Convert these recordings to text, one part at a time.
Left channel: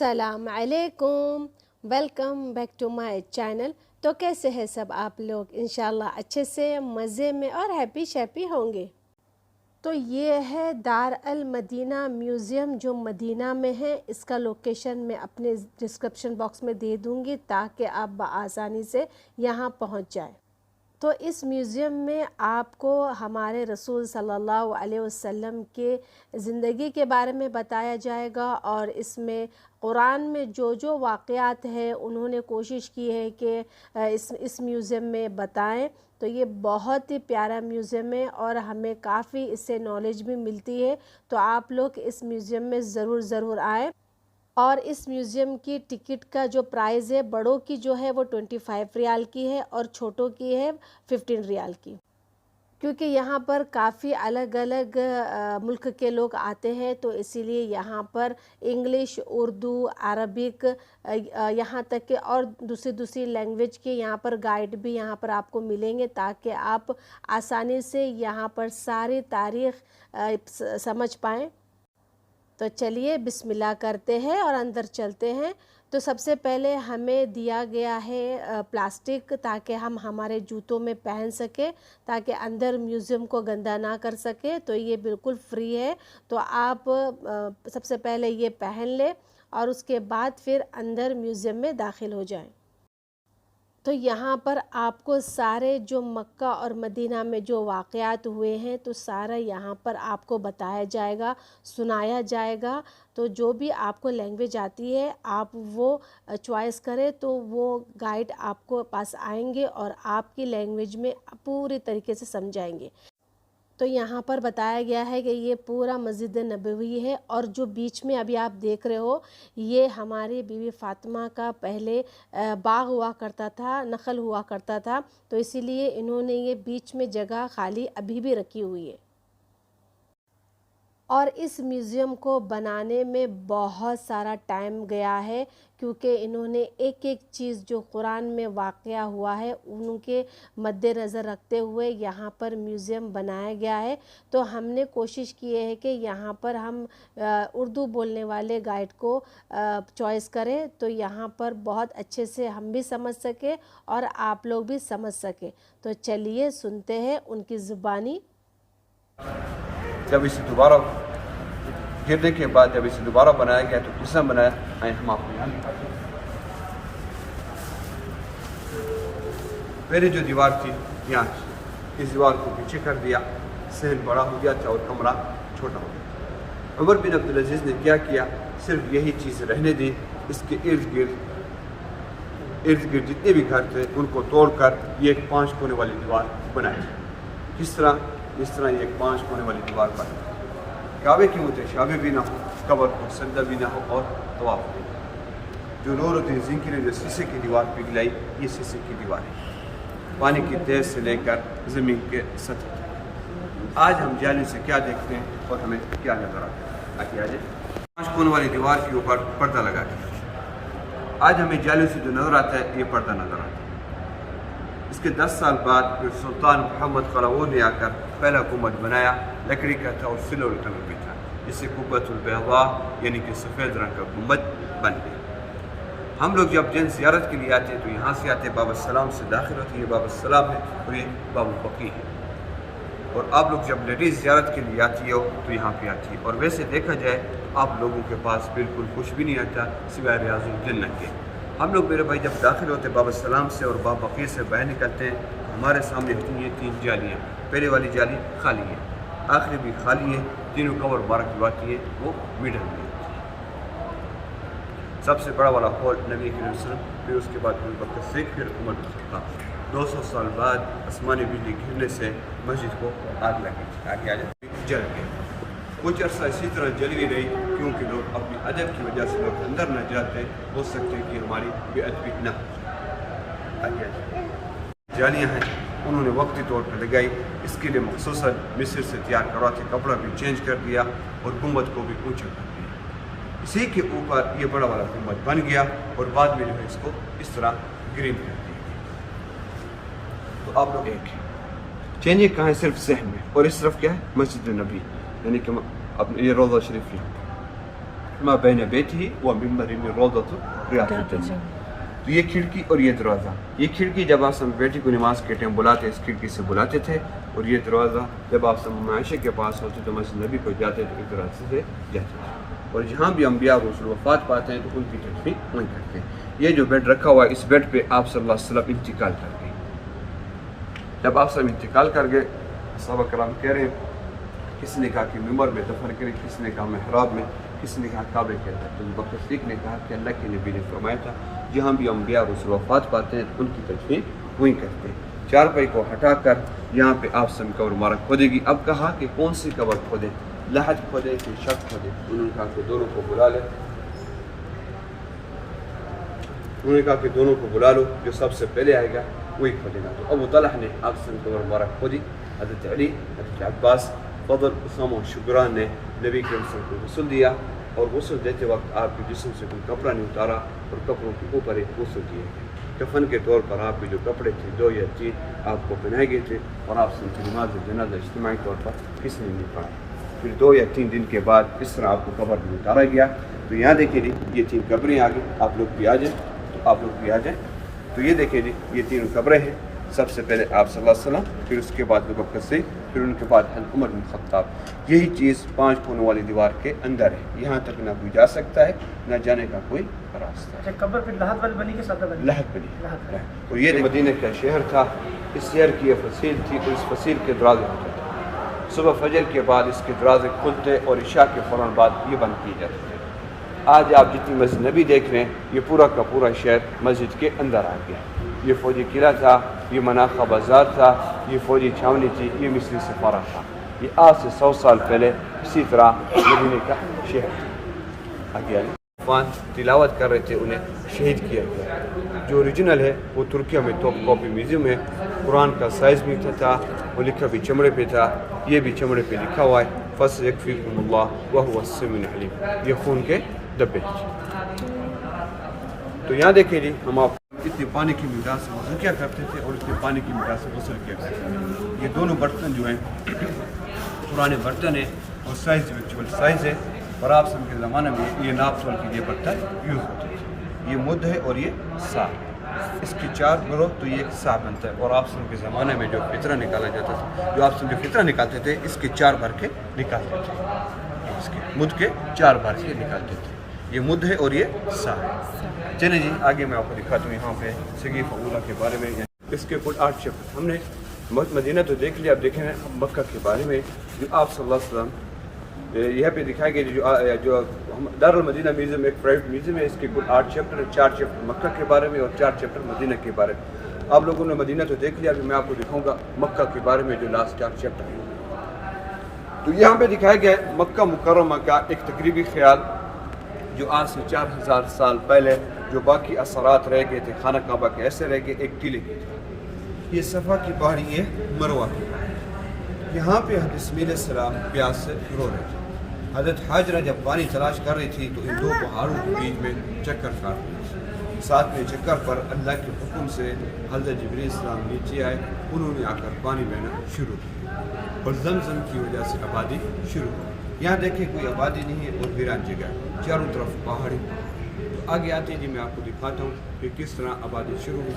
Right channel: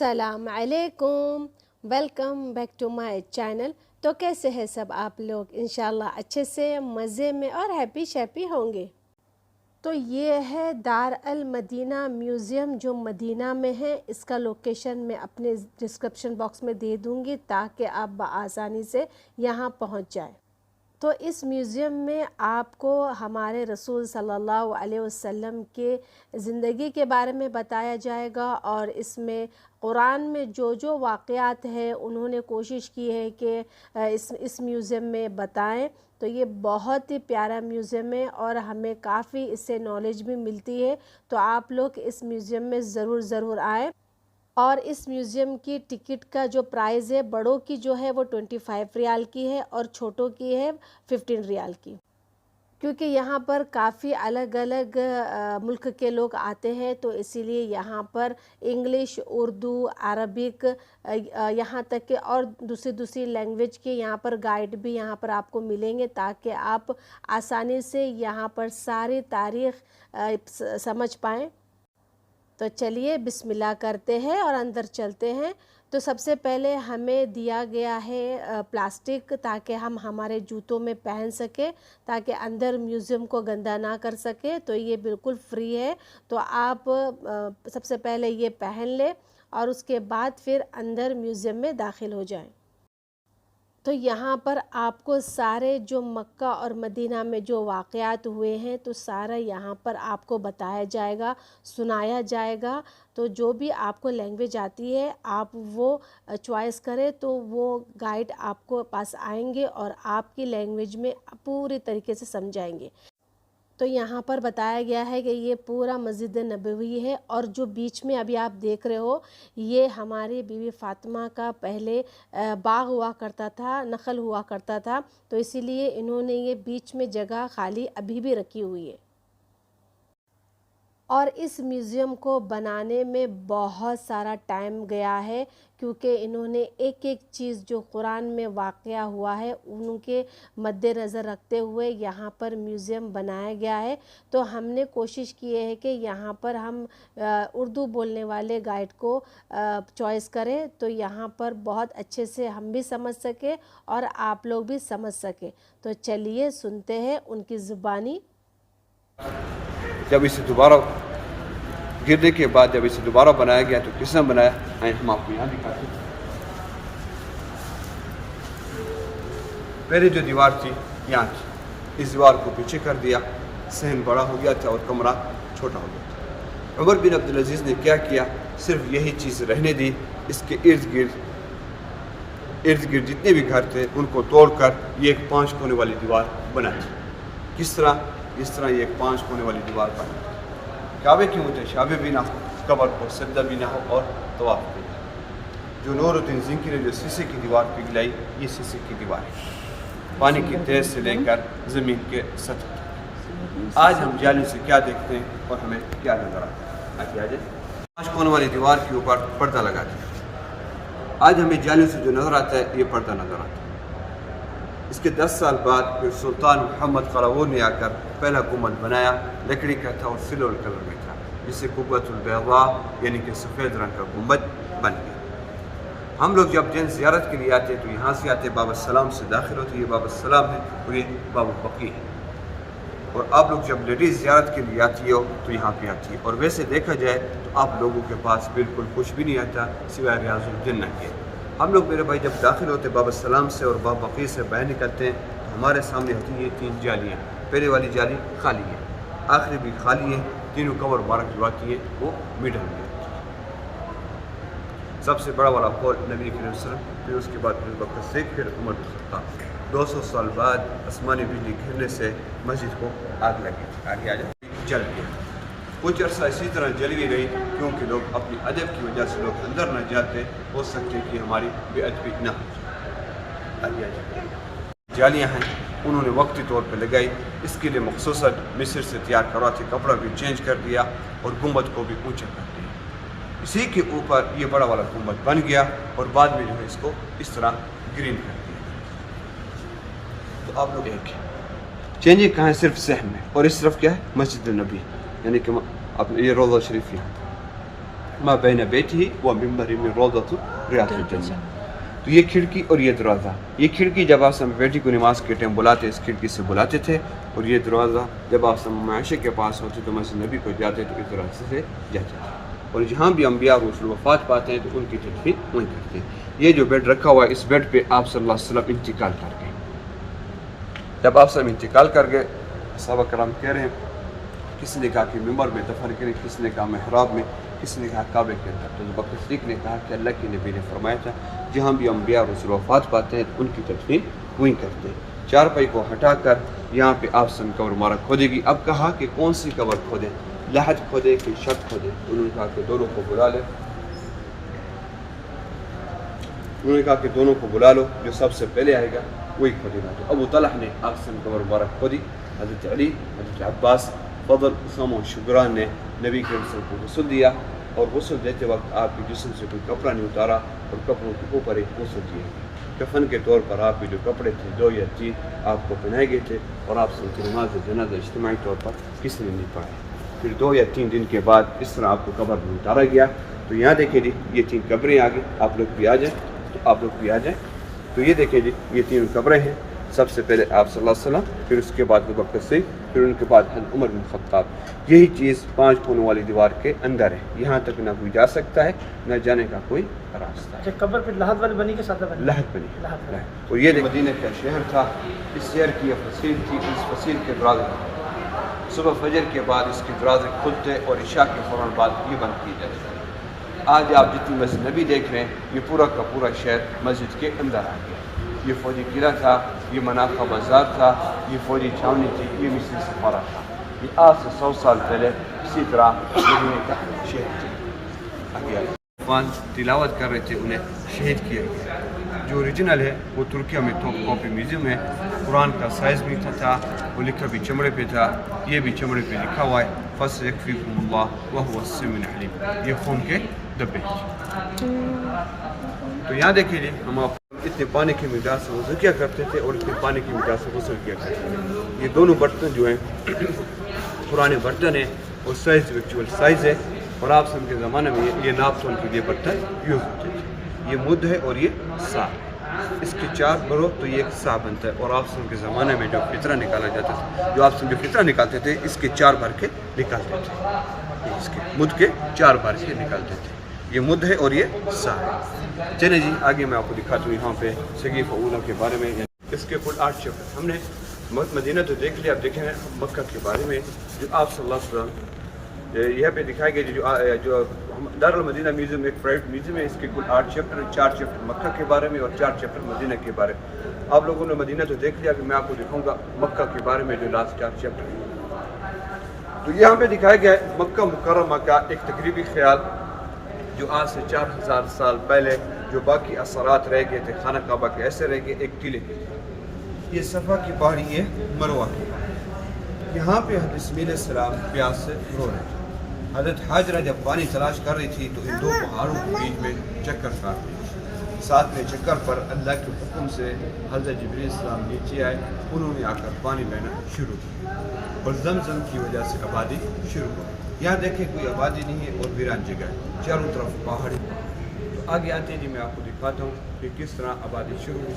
السلام علیکم، welcome back to my channel. تو کیسے ہیں سب آپ لوگ؟ انشاءاللہ اچھے سے مزے میں اور ہیپی شیپی ہوں گے۔ تو یہ ہے دار المدینہ میوزیم جو مدینہ میں ہے۔ اس کا لوکیشن میں اپنے ڈسکرپشن باکس میں دے دوں گی تاکہ آپ بآسانی سے یہاں پہنچ جائیں۔ تو اس میوزیم میں آپ کو ہمارے رسول صلی اللہ علیہ وسلم کے زندگی کے بارے میں بتایا جائے گا، اور اس میں قرآن میں جو واقعات ہیں انہوں نے کوشش کی ہے کہ اس میوزیم میں بتائیں۔ تو یہ بہت ہی پیارا میوزیم ہے اور ہمیں کافی اس سے نالج بھی ملتی ہے۔ تو آپ لوگ اس میوزیم میں ضرور آئیں۔ اور اس میوزیم کی ٹکٹ کا جو پرائز ہے، بڑوں کی جو ہے وہ 25 ریال کی ہے اور چھوٹوں کی ہے 15 ریال کی، کیونکہ یہاں پر کافی الگ الگ ملک کے لوگ آتے ہیں، تو اسی لیے یہاں پر انگلش، اردو، عربک، یہاں تک کہ اور دوسری لینگویج کے یہاں پر گائیڈ بھی یہاں پر آپ کو ملیں گے تاکہ آپ آسانی سے یہاں پر ساری تاریخ سمجھ پائیں۔ تو چلیے بسم اللہ کرتے ہیں اور اندر چلتے ہیں۔ تو سب سے پہلے ہمیں دیا گیا ہے پلاسٹک تاکہ ہم ہمارے جوتوں میں پہن سکیں، تاکہ اندر میوزیم کو گندا نہ کر سکے۔ تو یہ بالکل فری ہے، تو آپ سب سے پہلے یہ پہن لیں اور اس کے بعد پھر اندر میوزیم میں داخل ہو جائیں۔ تو یہاں پر آپ کو سارے جو مکہ اور مدینہ میں جو واقعات ہوئے ہیں تو سارا یہاں پر آپ کو بتایا جائے گا، سنایا جائے گا۔ تو جو بھی آپ کو لینگویج آتی ہے آپ وہ چوائس کریں، تو وہ گائیڈ آپ کو پاس آئیں گے اور آپ کی لینگویج میں پوری طریقے سے سمجھائیں گے۔ تو یہاں پر بتایا گیا ہے کہ یہ پورا مسجد نبوی ہے، اور جو بیچ میں ابھی آپ دیکھ رہے ہو یہ ہماری بیوی فاطمہ کا پہلے باغ ہوا کرتا تھا، نخل ہوا کرتا تھا، تو اسی لیے انہوں نے یہ بیچ میں جگہ خالی ابھی بھی رکھی ہوئی ہے۔ اور اس میوزیم کو بنانے میں بہت سارا ٹائم گیا ہے، کیونکہ انہوں نے ایک چیز جو قرآن میں واقعہ ہوا ہے ان کے مد نظر رکھتے ہوئے یہاں پر میوزیم بنایا گیا ہے۔ تو ہم نے کوشش کی ہے کہ یہاں پر ہم اردو بولنے والے گائیڈ کو چوائس کریں، تو یہاں پر بہت اچھے سے ہم بھی سمجھ سکیں اور آپ لوگ بھی سمجھ سکیں۔ تو چلیے سنتے ہیں ان کی زبانی۔ جب اسے دوبارہ گرنے کے بعد جب اسے دوبارہ بنایا گیا تو کس نے بنایا ہم آپ کو یہاں دکھاتے ہیں۔ پہلے جو دیوار تھی یہاں تھی، اس دیوار کو پیچھے کر دیا، صحن بڑا ہو گیا تھا اور کمرہ چھوٹا ہو گیا تھا۔ عمر بن عبدالعزیز نے کیا کیا، صرف یہی چیز رہنے دی، اس کے ارد گرد جتنے بھی گھر تھے ان کو توڑ کر یہ ایک 5 کونے والی دیوار بنائی۔ کس طرح؟ اس طرح یہ ایک 5 کونے والی دیوار بنائی، کعبے کی متشابہ بھی نہ، قبر پر سجدہ بھی نہ اور طواف بھی نہ۔ جو نور الدین زنکی نے جو سیسے کی دیوار پگھلائی، یہ سیسے کی دیوار ہے، پانی کی تہہ سے لے کر زمین کے سطح تک۔ آج ہم جالی سے کیا دیکھتے ہیں اور ہمیں کیا نظر آتا ہے؟ آگے آ جائیں۔ 5 کونے والی دیوار کے اوپر پردہ لگا دیا۔ آج ہمیں جالی سے جو نظر آتا ہے یہ پردہ نظر آتا ہے۔ اس کے 10 سال بعد پھر سلطان محمد قلاوون نے آ کر پہلا گنبد بنایا، لکڑی کا تھا اور سلور کلر میں تھا، جس سے قبۃ البیضاء یعنی کہ سفید رنگ کا گنبد بن گیا۔ ہم لوگ جب جن زیارت کے لیے آتے ہیں تو یہاں سے آتے باب السلام سے داخل ہوتے، یہ باب السلام ہے اور یہ باب البقیع ہے۔ اور آپ لوگ جب لیڈیز زیارت کے لیے آتی ہو تو یہاں پہ آتی ہے، اور ویسے دیکھا جائے تو آپ لوگوں کے پاس بالکل کچھ بھی نہیں آتا سوائے ریاض الجنہ کے۔ ہم لوگ میرے بھائی جب داخل ہوتے باب السلام سے اور باب بقیع سے باہر نکلتے ہیں تو ہمارے سامنے ہوتی ہیں یہ 3 جالی ہیں۔ پہلے والی جالی خالی ہے، آخری بھی خالی ہے، تینوں کور مبارک جو آتی ہیں وہ میڈل میں ہوتی ہے۔ سب سے بڑا والا ہال نبی کریم صلی اللہ علیہ وسلم، پھر اس کے بعد ابوبکر صدیق، پھر عمر بن الخطاب۔ 200 سال بعد آسمانی بجلی گرنے سے مسجد کو آگ لگی تھی، آگے آ جائے جل گیا۔ کچھ عرصہ اسی طرح جلوی رہی، کیونکہ لوگ اپنی ادب کی وجہ سے لوگ اندر نہ جاتے، ہو سکتے کہ ہماری بے ادبی نہ ہو جائے۔ آگے آ جائے۔ جالیاں ہیں انہوں نے وقتی طور پہ لگائی، اس کے لیے مخصوصاً مصر سے تیار کروا تھا، کپڑا بھی چینج کر دیا اور گنبد کو بھی اونچا کر دیا۔ اسی کے اوپر یہ بڑا والا گنبد بن گیا اور بعد میں جو ہے اس کو اس طرح گرین کر دیا۔ تو آپ لوگ ایک چینجنگ کہاں ہے؟ صرف صحن میں، اور اس طرف کیا ہے؟ مسجد النبی، یعنی کہ یہ روضہ شریف یہاں۔ ما بین بیٹھی و ممبر میں روضۃ ریاض الجنہ. تو یہ کھڑکی اور یہ دروازہ, یہ کھڑکی جب آپ سب بیٹی کو نماز کے ٹائم بلاتے اس کھڑکی سے بلاتے تھے, اور یہ دروازہ جب آپ سب عائشہ کے پاس ہوتے تو مسجد نبی کو جاتے تو اس دروازے سے جاتے تھے. اور جہاں بھی انبیاء رسول وفات پاتے ہیں تو ان کی تدفین نہیں کرتے. یہ جو بیڈ رکھا ہوا ہے اس بیڈ پہ آپ صلی اللہ علیہ وسلم انتقال کر گئے. جب آپ سب انتقال کر گئے, صحابہ کرام کہہ رہے ہیں کس نے کہا کہ ممبر میں دفن کریں, کس نے کہا محراب میں, کس نے کہا کعبے کے اندر. تو ابو بکر صدیق نے کہا کہ اللہ کے نبی نے فرمایا تھا جہاں بھی انبیاء رسول وفات پاتے ہیں تو ان کی تدفین وہیں کرتے ہیں. چارپائی کو ہٹا کر یہاں پہ آپ سے قبر مبارک کھودے گی. اب کہا کہ کون سی قبر کھودے, لحد کھودے کہ شب کھودے. انہوں نے کہا کہ دونوں کو بلا لے, انہوں نے کہا کہ دونوں کو بلا لو, جو سب سے پہلے آئے گا وہی کھودے گا. تو ابو طلحہ نے آپ سے قبر مبارک کھودی. حضرت علی, حضرت عباس, فضل, اسلم و شکران نے نبی کے وسلم کو غسل دیا, اور غسل دیتے وقت آپ کے جسم سے کوئی کپڑا نہیں اتارا, اور کپڑوں کے اوپر ایک غسل کیا گیا. کفن کے طور پر آپ کے جو کپڑے تھے 2 یا 3 آپ کو پہنائے گئے تھے, اور آپ سے نماز جنازہ اجتماعی طور پر کس نے نہیں پڑھی. پھر 2 یا 3 دن کے بعد اس طرح آپ کو قبر میں اتارا گیا. تو یہاں دیکھیں جی یہ 3 قبریں آ گئی, آپ لوگ بھی آ جائیں, تو آپ لوگ بھی آ جائیں. تو یہ دیکھیں جی یہ 3 قبریں ہیں. سب سے پہلے آپ صلی اللہ علیہ وسلم, پھر اس کے بعد ابو بکر صدیق, پھر ان کے بعد عمر بن خطاب. یہی چیز 5 کونے والی دیوار کے اندر ہے. یہاں تک نہ کوئی جا سکتا ہے, نہ جانے کا کوئی راستہ ہے. قبر پھر لحد والی بنی کے ساتھ لحد بنی. اور یہ مدینہ کا شہر تھا. اس شہر کی یہ فصیل تھی, تو اس فصیل کے دروازے صبح فجر کے بعد اس کے دروازے کھلتے, اور عشاء کے فوراً بعد یہ بند کیے جاتے تھے. آج آپ جتنی مسجد نبی دیکھ رہے ہیں یہ پورا کا پورا شہر مسجد کے اندر آ گیا. یہ فوجی قلعہ تھا, یہ منافع بازار تھا, یہ فوجی چھاونی تھی, یہ مصری سفارہ تھا. یہ آج سے 100 سال پہلے اسی طرح مدینے کا شہر تھا. آگے عفان تلاوت کر رہے تھے, انہیں شہید کیا گیا. جو اوریجنل ہے وہ ترکیہ میں توپ کاپی میوزیم ہے. قرآن کا سائز بھی تھا, وہ لکھا بھی چمڑے پہ تھا, یہ بھی چمڑے پہ لکھا ہوا ہے فَسَيَكْفِيكُمُ اللَّهُ وَهُوَ السَّمِيعُ الْعَلِيمُ. یہ خون کے ڈبے. تو یہاں دیکھیں جی ہم آپ اتنے پانی کی مقدار سے وضو کیا کرتے تھے, اور اتنے پانی کی مقدار سے غسل کیا کرتے تھے. یہ دونوں برتن جو ہیں پرانے برتن ہیں, اور سائز ایکچوئل سائز ہے. اور آپ سب کے زمانے میں یہ ناپ تول کے لیے برتن یوز ہوتے تھے. یہ مد ہے اور یہ سا, اس کے 4 برو تو یہ ایک سا بنتا ہے. اور آپ سب کے زمانے میں جو فطرہ نکالا جاتا تھا, جو آپ سب جو فطرہ نکالتے تھے اس کے 4 بھر کے نکالتے تھے, اس کے مد کے 4 بھر کے نکالتے تھے. یہ مد ہے اور یہ سا ہے. چلیں جی آگے میں آپ کو دکھاتا ہوں یہاں پہ سقیفہ اولیٰ کے بارے میں. اس کے کل 8 چیپٹر ہم نے مدینہ تو دیکھ لیا. اب دیکھیں مکہ کے بارے میں جو آپ صلی اللہ علیہ وسلم یہاں پہ دکھائے گئے. جو دارالمدینہ میوزیم ایک پرائیویٹ میوزیم ہے, اس کے کل 8 چیپٹر ہیں. 4 چیپٹر مکہ کے بارے میں اور 4 چیپٹر مدینہ کے بارے میں. آپ لوگوں نے مدینہ تو دیکھ لیا, ابھی میں آپ کو دکھاؤں گا مکہ کے بارے میں جو لاسٹ 4 چیپٹر ہیں. تو یہاں پہ دکھایا گیا ہے مکہ مکرمہ کا ایک تقریبی خیال جو آج سے 4000 سال پہلے جو باقی اثرات رہ گئے تھے خانہ کعبہ کے, ایسے رہ گئے ایک قلعے. یہ صفا کی پہاڑی ہے, مروہ. یہاں پہ حضرت اسماعیل علیہ السلام پیاس سے رو رہے تھے. حضرت حاجرہ جب پانی تلاش کر رہی تھی تو ان 2 پہاڑوں کے بیچ میں چکر کاٹ رہی تھی. 7ویں چکر پر اللہ کے حکم سے حضرت جبرائیل السلام نیچے آئے. انہوں نے آ کر پانی بہنا شروع کیا, اور زمزم کی وجہ سے آبادی شروع ہوئی. یہاں دیکھیں کوئی آبادی نہیں ہے اور ویران جگہ ہے, چاروں طرف پہاڑی. آگے آتے ہیں جی میں آپ کو دکھاتا ہوں کہ کس طرح آبادی شروع ہوئی.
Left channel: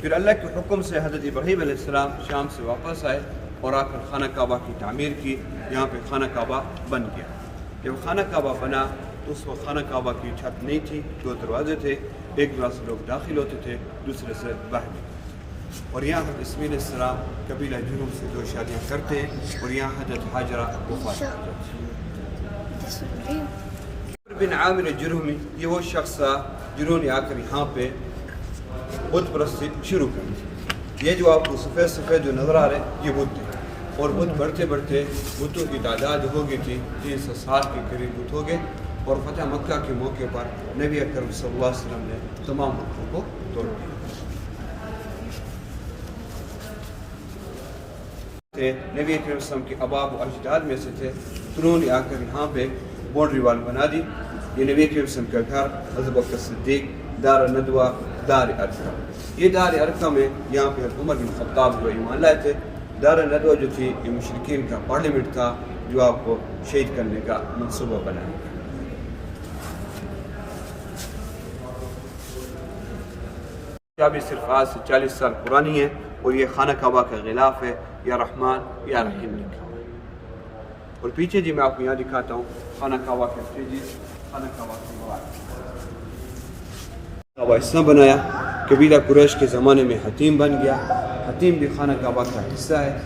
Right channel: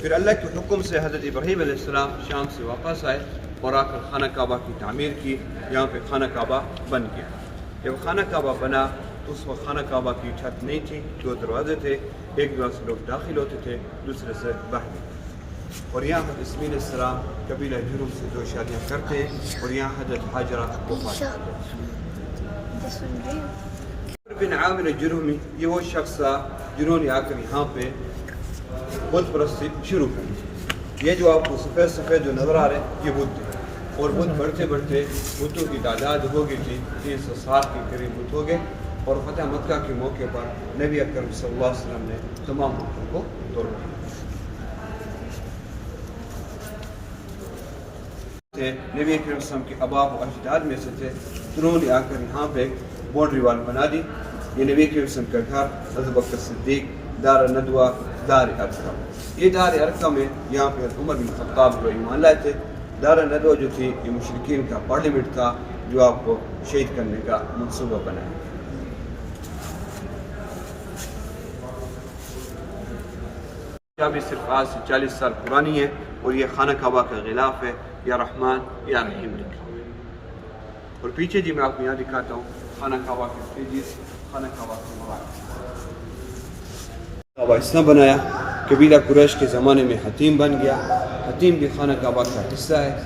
پھر اللہ کے حکم سے حضرت ابراہیم علیہ السلام شام سے واپس آئے اور آ کر خانہ کعبہ کی تعمیر کی. یہاں پہ خانہ کعبہ بن گیا. جب خانہ کعبہ بنا تو اس وقت خانہ کعبہ کی چھت نہیں تھی, 2 دروازے تھے. ایک دروازے سے لوگ داخل ہوتے تھے, دوسرے سے باہر. اور یہاں حضرت اسماعیل علیہ السلام قبیلہ جرہم سے 2 شادیاں کرتے, اور یہاں حضرت حاجرہ وفات بن عامر جرہمی یہ وہ شخص تھا جنہوں نے آ کر یہاں پہ بت پرستی شروع کر دی. یہ جو آپ کو سفید سفید جو نظر آ رہے ہیں یہ بت تھے, اور بت بڑھتے بڑھتے بتوں کی تعداد ہو گئی تھی 360 کے قریب بت ہو گئے. اور فتح مکہ کے موقع پر نبی اکرم صلی اللہ علیہ وسلم نے تمام بتوں کو توڑ دیا. نبی اکرم صلی اللہ علیہ وسلم کے اباب و اجداد میں سے تھے. انہوں نے آ کر یہاں پہ باؤنڈری وال بنا دی. یہ نبی اکرم صلی اللہ علیہ وسلم کا گھر ابو بکر صدیق, دار الندوہ, دار ارقم. یہ دار ارقم ہے, یہاں پہ عمر بن خطاب کو ایمان لائے تھے. دار الندوہ جو تھی یہ مشرکین کا پارلیمنٹ تھا. جو آپ کو شہید کرنے کا منصوبہ بنائیں۔ بھی صرف آج سے 40 سال پرانی ہے اور یہ خانہ کعبہ کا غلاف ہے، یا رحمان یا رحیم لکھا۔ اور پیچھے جی میں آپ کو یہاں دکھاتا ہوں خانہ کعبہ کے پیجز، خانہ کعبہ کے مراد کعبہ اس طرح بنایا۔ قبیلہ قریش کے زمانے میں حتیم بن گیا، حتیم بھی خانہ کعبہ کا حصہ ہے۔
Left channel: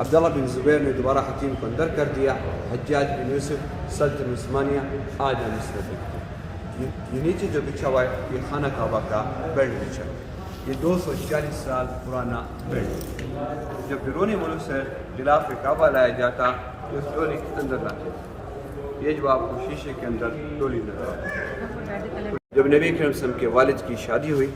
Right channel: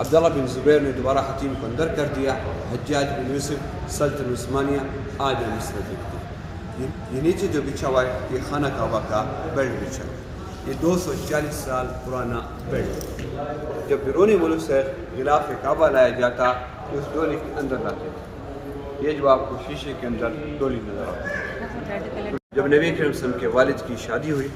عبداللہ بن زبیر نے دوبارہ حتیم کو اندر کر دیا۔ حجاج بن یوسف سلطنت عثمانیہ آج مصر دکھتے ہیں۔ یہ نیچے جو بچھا ہوا ہے یہ خانہ کعبہ کا بیلٹ بچھا ہے، یہ 240 سال پرانا بیلٹ۔ جب بیرونی ملک سے غلاف کعبہ لایا جاتا اس ڈولی کے اندر لاتے تھے۔ یہ جو آپ کو شیشے کے اندر ڈولی نظر آتی ہے۔ جب نبی کریم صلی اللہ علیہ وسلم کے والد کی شادی ہوئی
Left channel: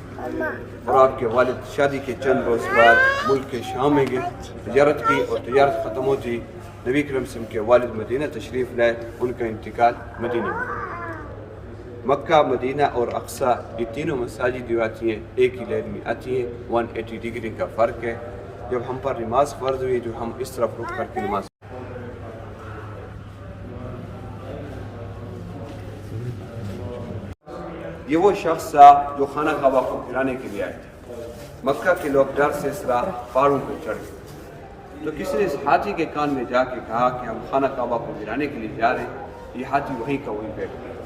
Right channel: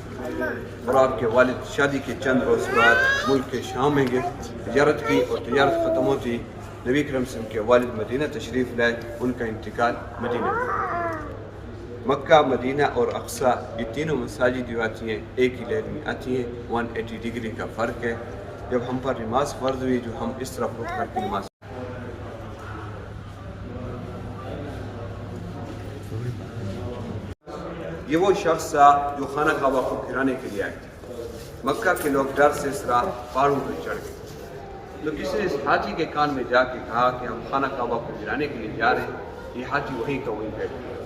اور آپ کے والد شادی کے چند روز بعد ملک کے شام میں گئے، تجارت کی اور تجارت ختم ہوتی، نبی کریم صلی اللہ علیہ وسلم کے والد مدینہ تشریف لائے، ان کا انتقال مدینہ میں۔ مکہ، مدینہ اور اقصی یہ تینوں مساجد جو آتی ہیں ایک ہی لائن میں آتی ہیں، 180 ڈگری کا فرق ہے۔ جب ہم پر نماز فرض ہوئی جو ہم اس طرف اٹھ کر کے نماز یہ وہ شخص تھا جو خانہ کعبہ کو گرانے کے لیے آئے تھے۔ مکہ کے لوگ ڈر سے اس طرح پہاڑوں پر چڑھ گئے، تو کسی نے اس ہاتھی کے کان میں جا کے کہا کہ ہم خانہ کعبہ کو گرانے کے لیے جا رہے ہیں۔ یہ ہاتھی وہیں کا وہیں بیٹھ گیا،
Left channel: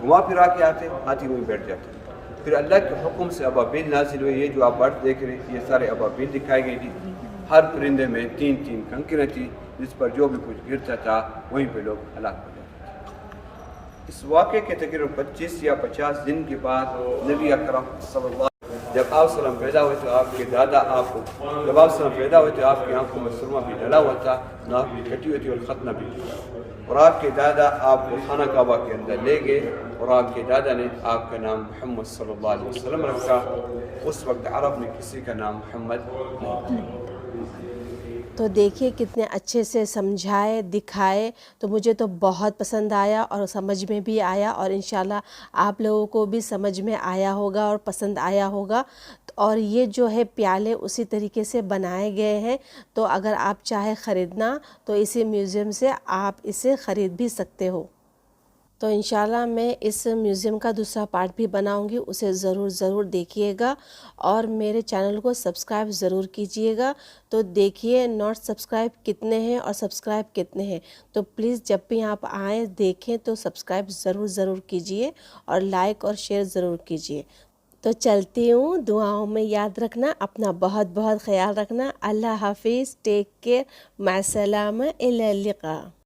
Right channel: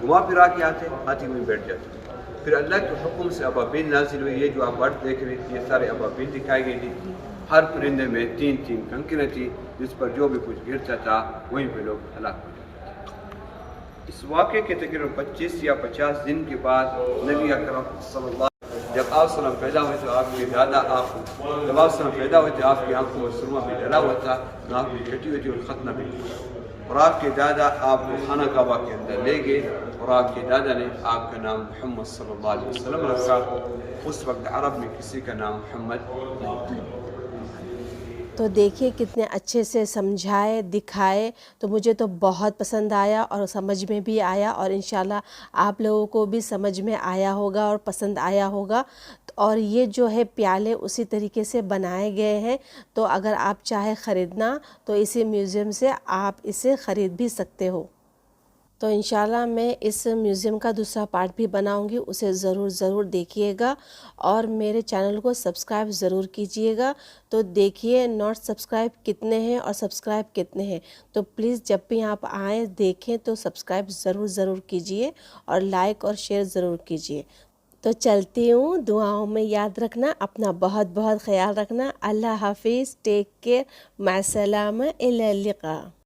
گھما پھرا کے آتے ہاتھی وہیں بیٹھ جاتے۔ پھر اللہ کے حکم سے ابابیل نازل ہوئے۔ یہ جو آپ برڈ دیکھ رہے ہیں یہ سارے ابابیل دکھائی گئی تھی۔ ہر پرندے میں 3 کنکریں تھیں جس پر جو بھی کچھ گرتا تھا وہیں پہ لوگ ہلاک ہو جاتے تھے۔ اس واقعے کے تقریباً 25 یا 50 دن کے بعد نبی اکرم صلی اللہ علیہ وسلم جب آپ وسلم پیدا ہوئے تھے، آپ کے دادا جب آپ وسلم پیدا ہوئے تھے آپ کی آنکھوں میں سرما بھی ڈلا ہوا تھا، ناک بھی کٹی ہوئی تھی اور ختنہ بھی تھی، اور آپ کے دادا آپ کو خانہ کعبہ کے اندر لے گئے اور آپ کے دادا نے آپ کا نام محمد صلی اللہ علیہ وسلم رکھا۔ اس وقت عرب میں کسی کا نام محمد نہیں تھا۔ تو دیکھیے کتنے اچھے سے سمجھائے دکھائے، تو مجھے تو بہت پسند آیا اور سمجھ میں بھی آیا، اور انشاءاللہ آپ لوگوں کو بھی سمجھ میں آیا ہوگا اور پسند آیا ہوگا۔ اور یہ جو ہے پیالے اسی طریقے سے بنائے گئے ہیں، تو اگر آپ چاہے خریدنا تو اسی میوزیم سے آپ اسے خرید بھی سکتے ہو۔ تو انشاءاللہ میں اس میوزیم کا دوسرا پارٹ بھی بناؤں گی، اسے ضرور دیکھیے گا، اور میرے چینل کو سبسکرائب ضرور کیجئے گا۔ تو دیکھیے ناٹ سبسکرائب کتنے ہیں اور سبسکرائب کتنے ہیں، تو پلیز جب بھی آپ آئیں دیکھیں تو سبسکرائب ضرور کیجئے اور لائک اور شیئر ضرور کیجئے۔ تو چلتی ہوں، دعاؤں میں یاد رکھنا، اپنا بہت خیال رکھنا۔ اللہ حافظ، ٹیک کیئر، مع السلامہ، الی اللقاء۔